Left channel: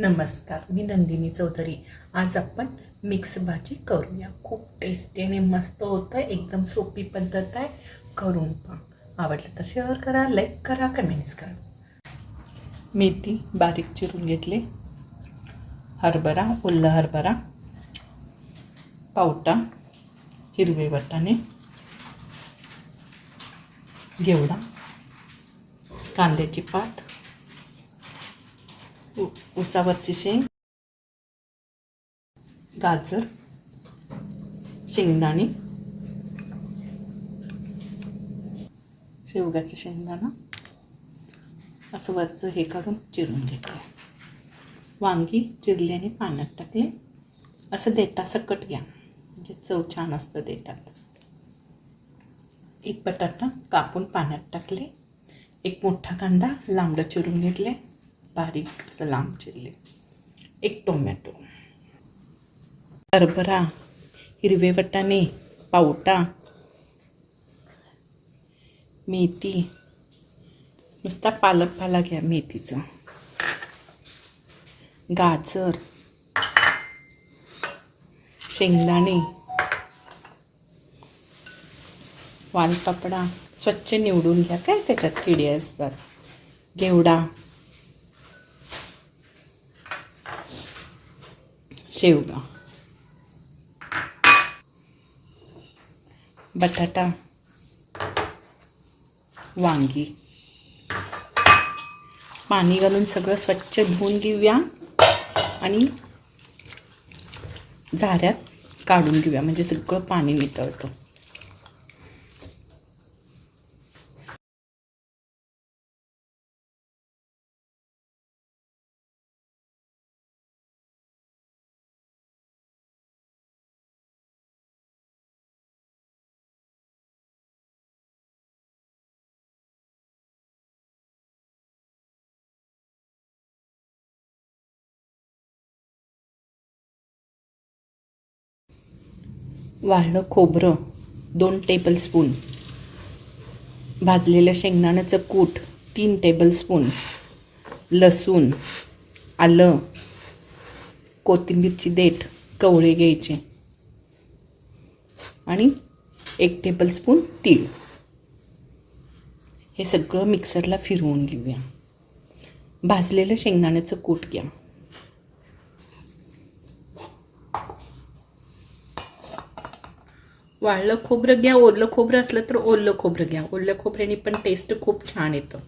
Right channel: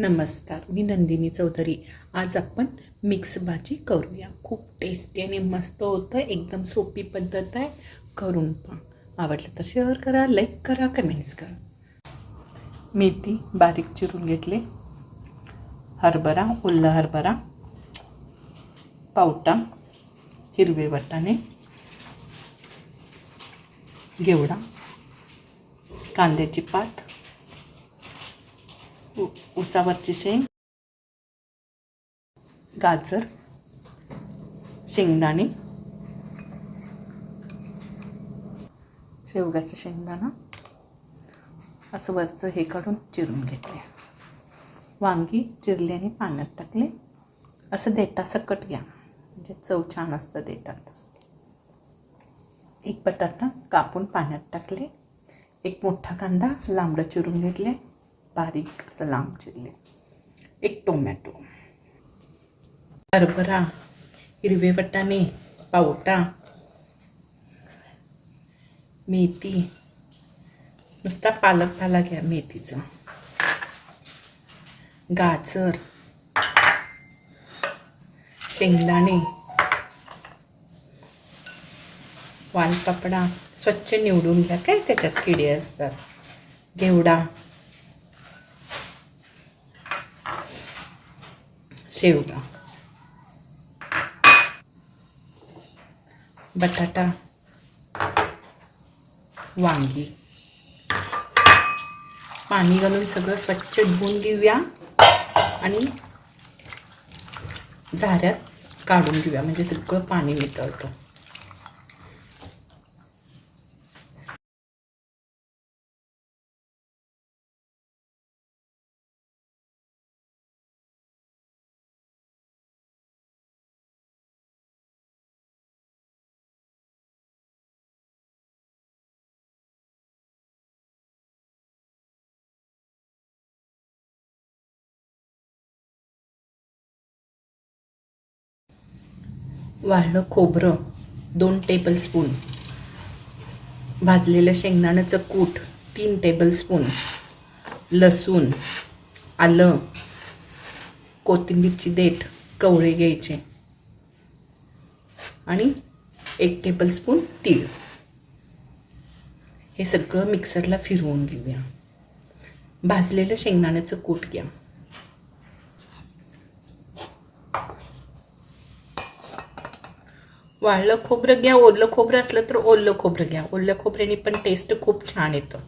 नमस्कार मी नंदिनी चौधरी. आज आपण मिक्स भाजी करूया. खूप टेस्टी आणि मस्त होतं. एकदम सोपी पद्धत आहे. करून पहा. आवडलं तर शेअर करा लाईक करा कमेंट्स करा. मेथी बारीक चिरून घेतले. हरभरा ओला हरभरा पावटा हिरवे वाटाणे घेवडा कांद्याची पात उसावरची शेंग गाजर शेंगदाणे शेवग्याचं शेंगदाणा असं वरचं हे काढून चिरून घेतले. वांगी चिरल्याने पाण्यात टाकले. असं देटा सकट घ्या. म्हणजे चव छान असतं देटात एक बटाटा कापून पाण्यात टाकले. एक मोठा कांदा लांबडं चिरून घेतले. बारीक असं लांब चिरले. एक टोमॅटो. हरभरा हिरवे वटाणे पावटा मेथी. नुसता पालक पाला घ्या मेथीचं. गाजर शेंगदाणे वालपापडा. स्वच्छ निवडून घ्या. काय त्याच्यात किडे असतात? घेवडा. शेवगा. बटाटा. वांगी. पाणी घालून सगळं स्वच्छ धुवून घेऊया. आणि झाऱ्यात काढून घेऊया. म्हणजे सगळं पाणी नितळतं. वाळलं खोबरं दोन टेबलस्पून भाजलेलं शेंगदाण्याचं कूट तीन टेबलस्पून लसूण आलं. कोथिंबीरची देठ कवळे घ्यायचे. आणि एक टेबलस्पून तीळ. हे सगळं मिक्सरला फिरवून घेऊया. भाजलेलं शेंगदाण्याचं कूट घ्या. वाळलं खोबरं घ्या ओलं खोबरं असलं तर ओलं खोबरं घ्या. ओलं खोबऱ्याने पण टेस्ट खूप छान येतं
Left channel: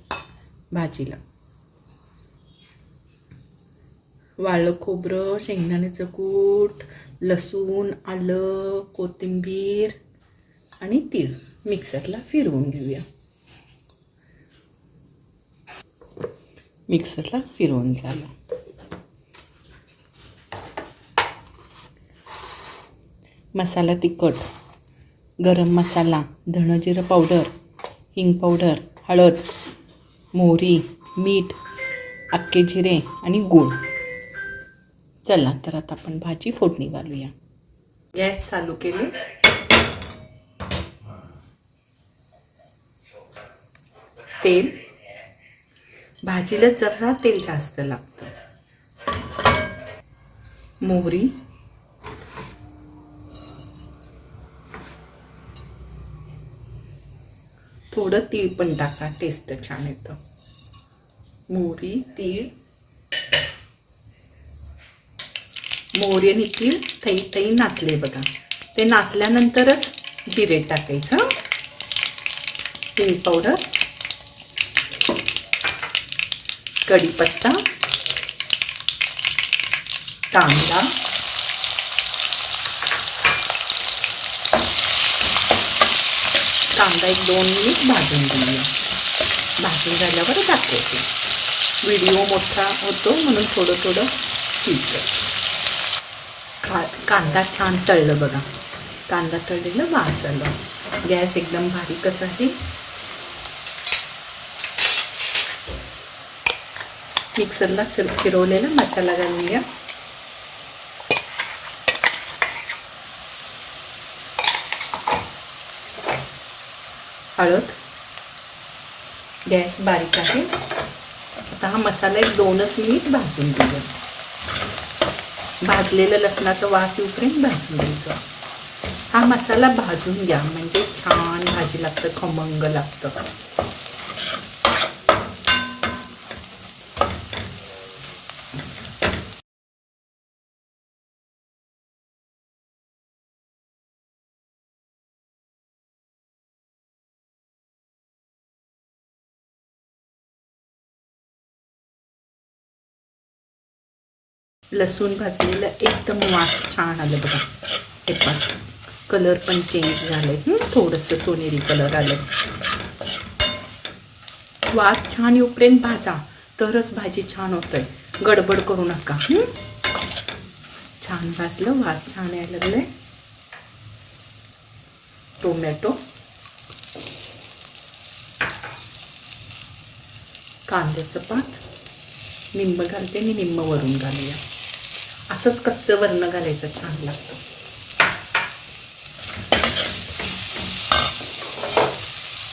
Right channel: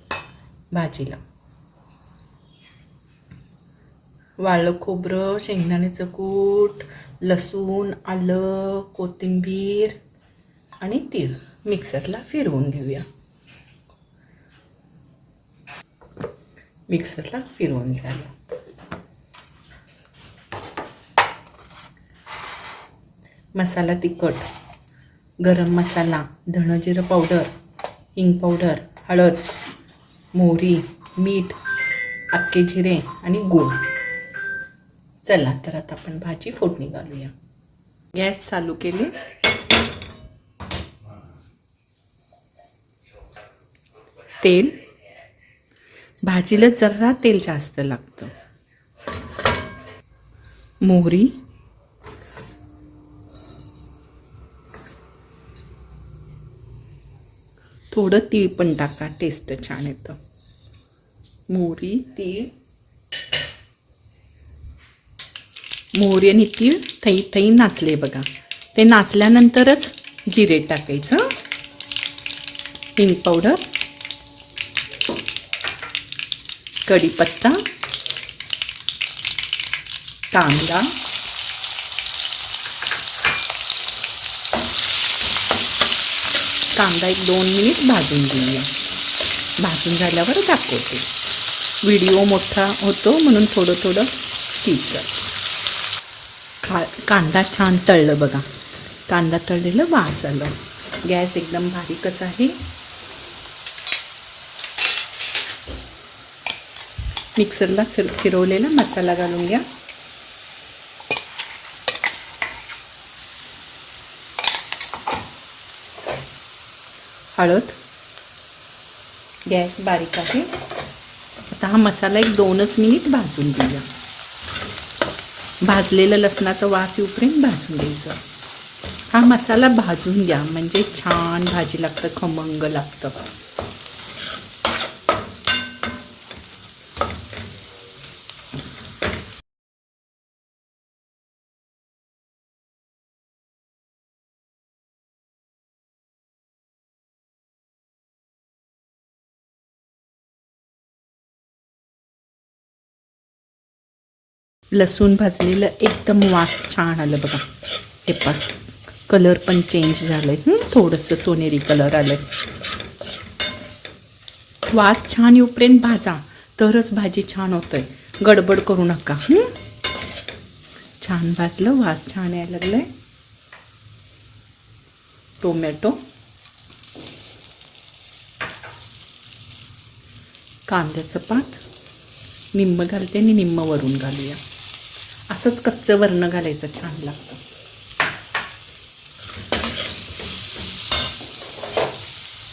भाजीला. वाळलं खोबरं शेंगदाण्याचं कूट लसूण आलं कोथिंबीर आणि तीळ मिक्सरला फिरवून घेऊया. मिक्सरला फिरवून झालं. मसाला तिखट. गरम मसाला धणजिरं पावडर हिंग पावडर हळद मोहरी मीठ अख्खे जिरे आणि गूळ. चला तर आता आपण भाजी फोडणी घालूया. गॅस चालू केली. तेल. भाजीला जरा तेल जास्त लागतं. मोहरी. थोडं तीळ पण टाका टेस्ट छान येतं. मोहरी तीळ. मोहरी आणि तीळ थई थई नाचले बघा. ते नाचल्यानंतरच जिरे टाकायचं. हिंग पावडर कढीपत्ता. कांदा. कांदा एक दोन मिनिट भाजून घेऊया. भाजून झाल्यावर दाखवते. व्हिडिओ मोठा होतो म्हणून थोडं थोडं ठीक खा कांदा छान तळलं बघा. कांदा तळलेलं वास आलं. गॅस एकदम बारीकच आहे. मिक्सरला फिर फिरवलेला मसाला घालून घ्या. हळद. गॅस बारीक आहे. आता हा मसाला एक दोनच मिनिट भाजून दिला भाजलेलं लसणाचं वास येऊपर्यंत भाजून द्यायचं हा मसाला भाजून घ्या. म्हणजे छान भाजी लागतं खमंग लागतं. लसूण भाजलेलं एकदम वास छान आलं बघा. हे पण कलर पण चेंज झाले थोडंसं सोनेरी कलर आलं वास छान येऊपर्यंत भाजा. तरच भाजी छान होतंय. गडबड करू नका. छान भाजलं वास छान यायला लागलंय. टोमॅटो कांद्याचं पात. निंब घालते आणि निंब वरून घालूया. असंच कच्चं वर्ण घालायचं छान लागतं.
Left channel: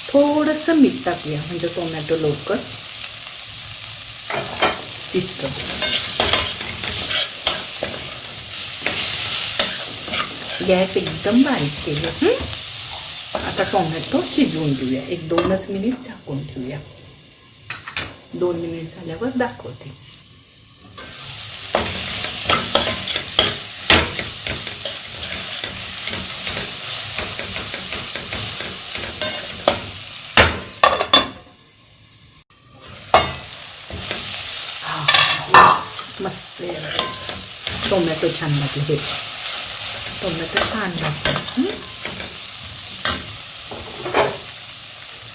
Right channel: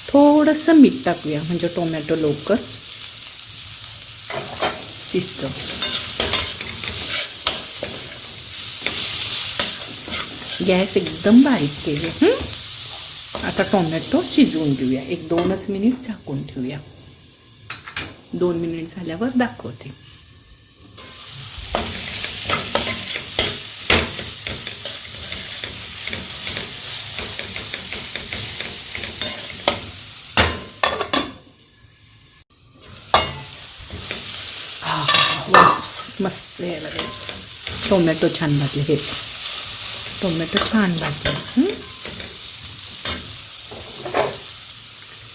थोडंसं मीठ टाकूया म्हणजे टोमॅटो लवकर शिजतं. गॅस एकदम बारीक केली आता टोमॅटो शिजवून घेऊया. एक दोनच मिनिट झाकून ठेवूया. दोन मिनिट झाल्यावर दाखवते. मस्त आहे बघा. टोमॅटो छान भाजले हे टोमॅटो छान भाजले.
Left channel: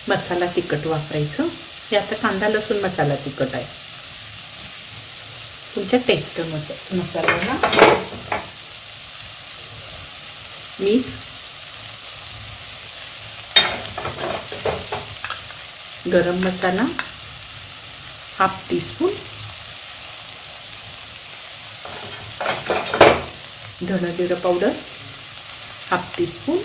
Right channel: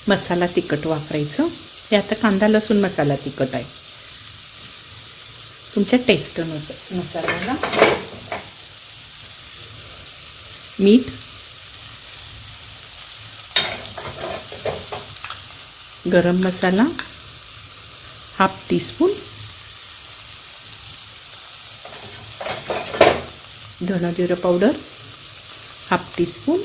मसाला तिखट वापरायचं. हे आता कांदा लसूण मसाला तिखट आहे. तुमच्या टेस्ट मसाला मीठ. गरम मसाला. हाफ टीस्पून धना पावडर हाफ टीस्पून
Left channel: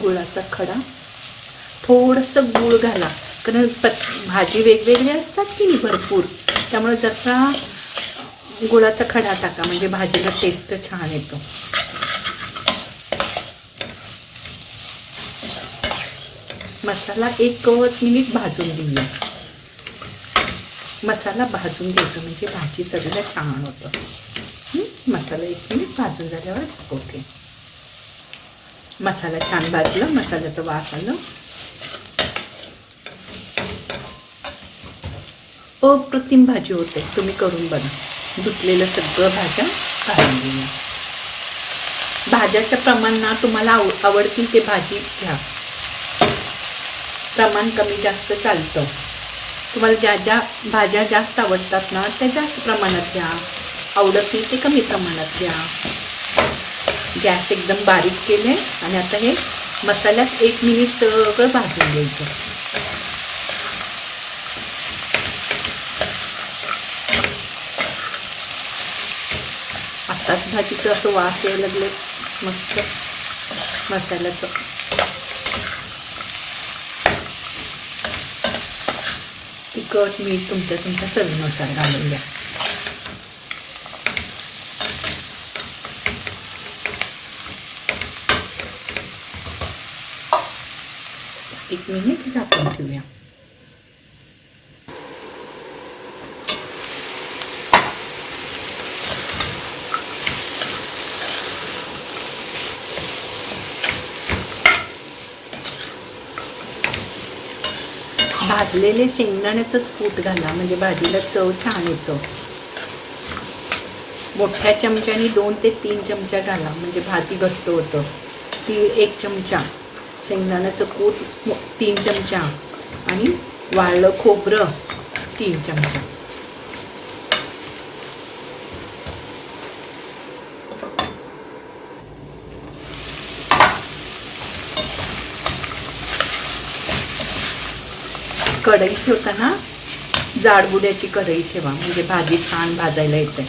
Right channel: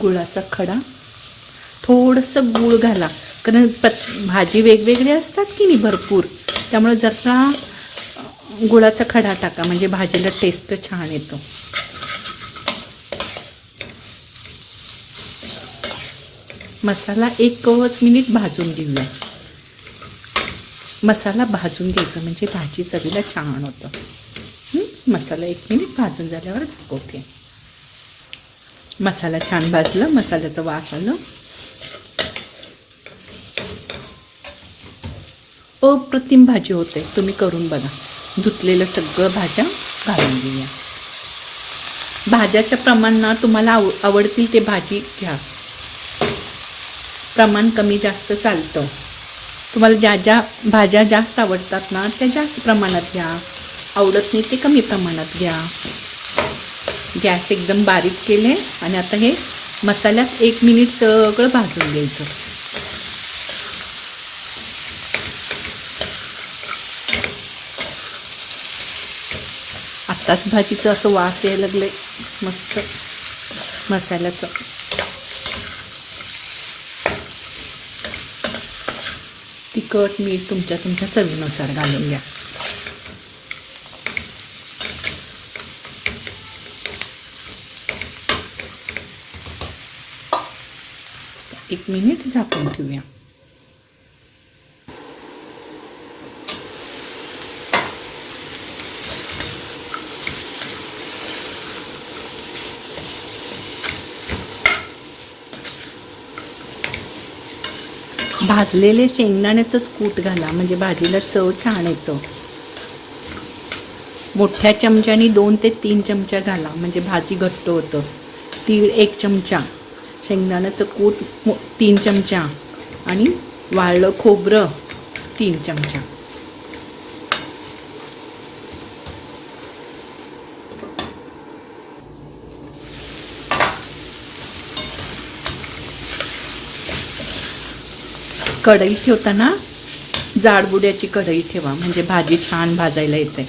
गुळाचा खडा. थोडंसं गूळ घाला. कारण पत भाजी वेगवेगळी असतात की नाही भरपूर. त्यामुळे जसा गुळाचा खडा टाका म्हणजे भाजीला टेस्ट छान येतो. मसाला एक कवच मिनिट भाजून घेऊया. मसाला भाजून घ्यायचं म्हणजे भाजी चवीला छान होतं. मसाला एक मिनिट भाजून झाल्यावर दाखवते मसाला छान भाजला मसाल्याचं वास आलं. अप्रतिम भाजी होते तुम्ही करून बघा. धुतलेलं सगळं भाज्या घालून घेऊया. भाज्याच्या प्रमाणात तुम्हाला आव आवडतील ते भाजी घ्या. प्रमाण कमी जास्त चालतं. तुम्हाला ज्या ज्या भाज्या जास्त आवडतात ना त्या जास्त प्रमाणात घ्या. आवडत नाही ते कमी प्रमाणात घ्या. गॅस एकदम बारीक केले आणि आता हे मसाल्यात एक मिनिट सगळं भाजून घ्यायचं. आत्ताच भाजीचं असं वास यायला लागले मस्त. मसाल्याचं. तिखट मीठ तुमच्या तुमच्या चवीनुसार घालून घ्या एक मिनिट झाकून ठेवूया भाजलेले शेंगदाण्याचंच कूट घाला. म्हणजे भाजीला चव छान येतो. मोठ्या चमच्यानी दोन ते तीन चमचा घाला. म्हणजे भाजी घट्ट होतं. तीळ एक चमचा. शेंगदाण्याचं कूट तीन चमचा. आणि वाळलं खोबरं तीन चमचा. कढई ठेवताना जाडबुड्याची कढई ठेवा. म्हणजे भाजी छान भाजायला येते.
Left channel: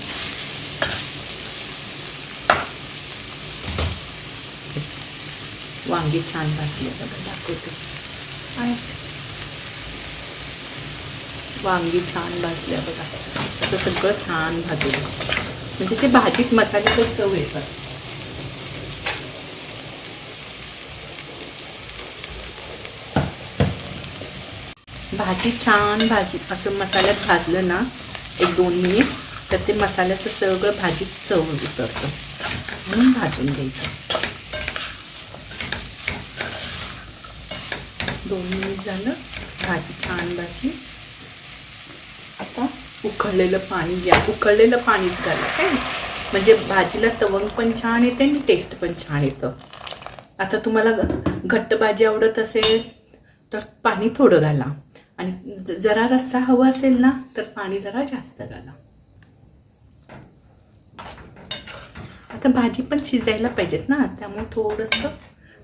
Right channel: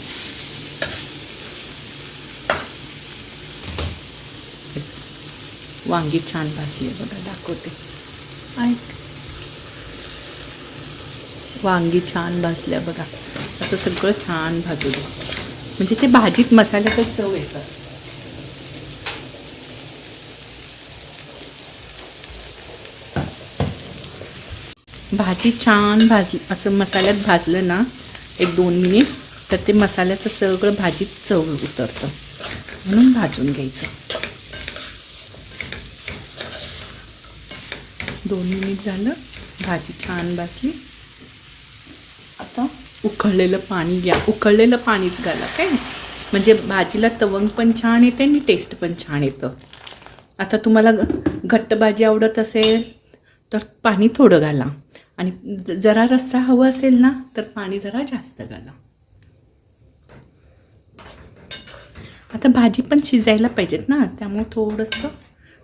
वांगी छान भाजले बघा दाखवते. आहे. वांगी छान भाजल्या बघा. असं सगळं छान भाजू म्हणजे ते भाजीत मसाल्याचा चव येतात. भाजी छान भाजी असं मसाल्यात भाजलं ना एक दोन मिनिट तर ते मसाल्याचं सगळं भाजीत चव उतरतं. म्हणून भाजून घ्यायचं. दोन मिनिट झालं भाजी छान भाजली. आता उकळलेलं पाणी घ्या. उकळलेलं पाणीच घाला काय? म्हणजे भाजीला तवंग पण छान येते आणि टेस्ट पण छान येतं. आता तुम्हाला घट्ट भाजी आवडत असेल तर पाणी थोडं घाला. आणि जरा रस्सा हवा असेल ना तर पाणी जरा जास्त घाला. आता भाजी पण शिजायला पाहिजेत ना त्यामुळे थोडंसं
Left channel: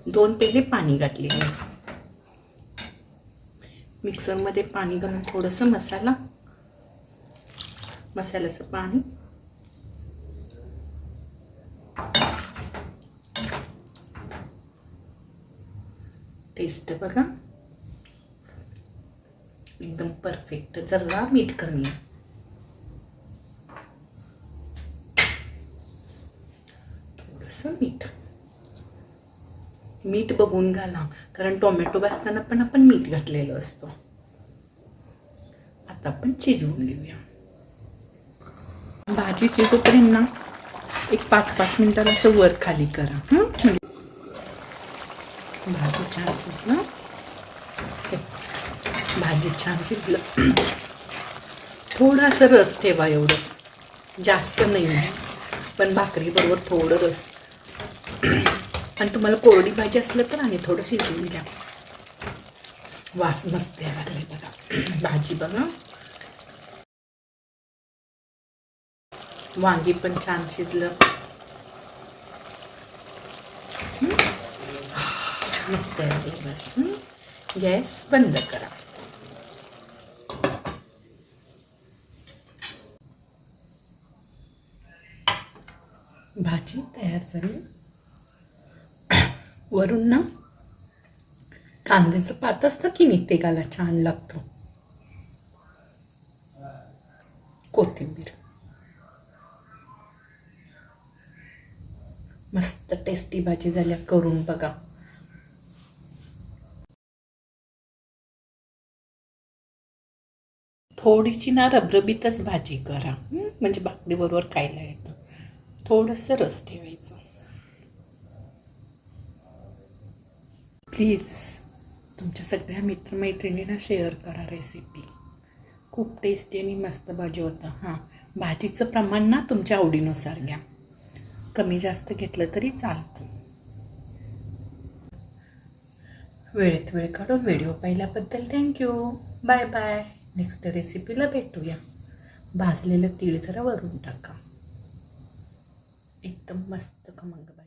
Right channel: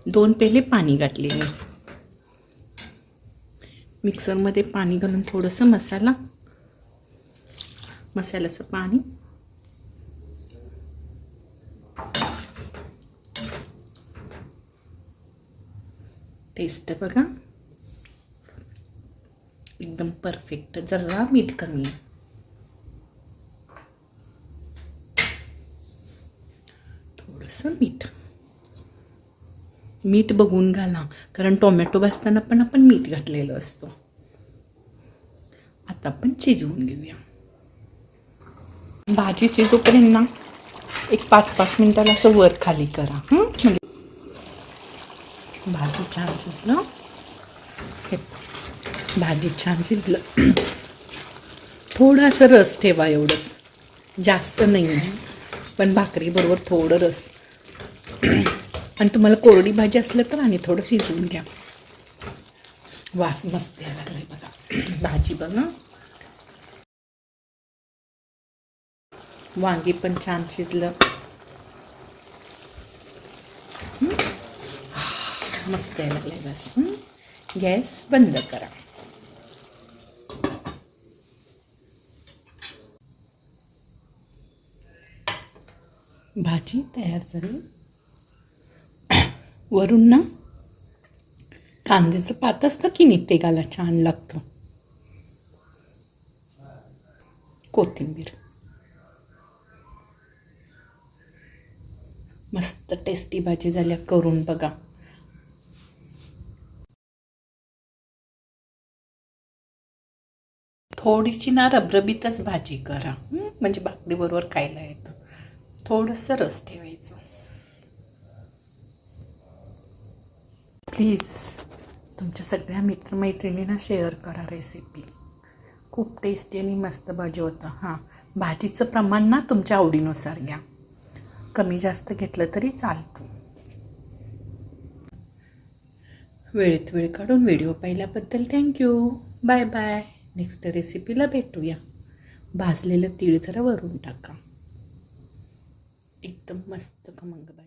दोन पेले पाणी घातले मी. मिक्सरमध्ये पाणी घालून थोडंसं मसाला मसाल्याचं पाणी. टेस्ट बघा. एकदम परफेक्ट जरा मीठ कमी थोडंसं मीठ. मीठ बघून घाला. कारण टोमॅटो भाजताना पण आपण मीठ घातलेलं असतो. आता आपण शिजवून घेऊया. भाजी शिजोपर्यंत ना एक पाच पाच मिनिटाला असं वर खाली करा. म्हणजे भाजी छान शिजलं. भाजी छान शिजलं. थोडासा रस ठेवा एवढंच. जास्त नाही आहे पण भाकरीबरोबर थोडं रस. आणि तुम्हाला कोरडी भाजी असलं तर आणि थोडं शिजवून घ्या. वास मस्त आहे लागले बघा. भाजी बघा. वांगी पण छान शिजलं. मस्त आहे लागले बस गॅस बंद करा. भाजी तयार झाली. वरून ना कांद्याचं पात असतं की नाही ते घाला छान लागतं. कोथिंबीर. मस्त टेस्टी भाजी झाल्या करून बघा. थोडीशी ना रबरबीतच भाजी करा. म्हणजे भाकरीबरोबर खायला येतं. थोडंसं रस ठेवायचं. प्लीज तुमच्या सगळ्या मित्रमैत्रिणींना शेअर करा रेसिपी खूप टेस्टी आणि मस्त भाजी होतं. हां भाजीचं प्रमाण ना तुमच्या आवडीनुसार घ्या. कमी जास्त घेतलं तरी चालतं. वेळेत वेळ काढून व्हिडिओ पाहिल्याबद्दल थँक्यू बाय बाय नेक्स्ट रेसिपीला भेटूया. भाजलेलं तीळ जरा वरून टाका. एकदम मस्त खमंग भाजी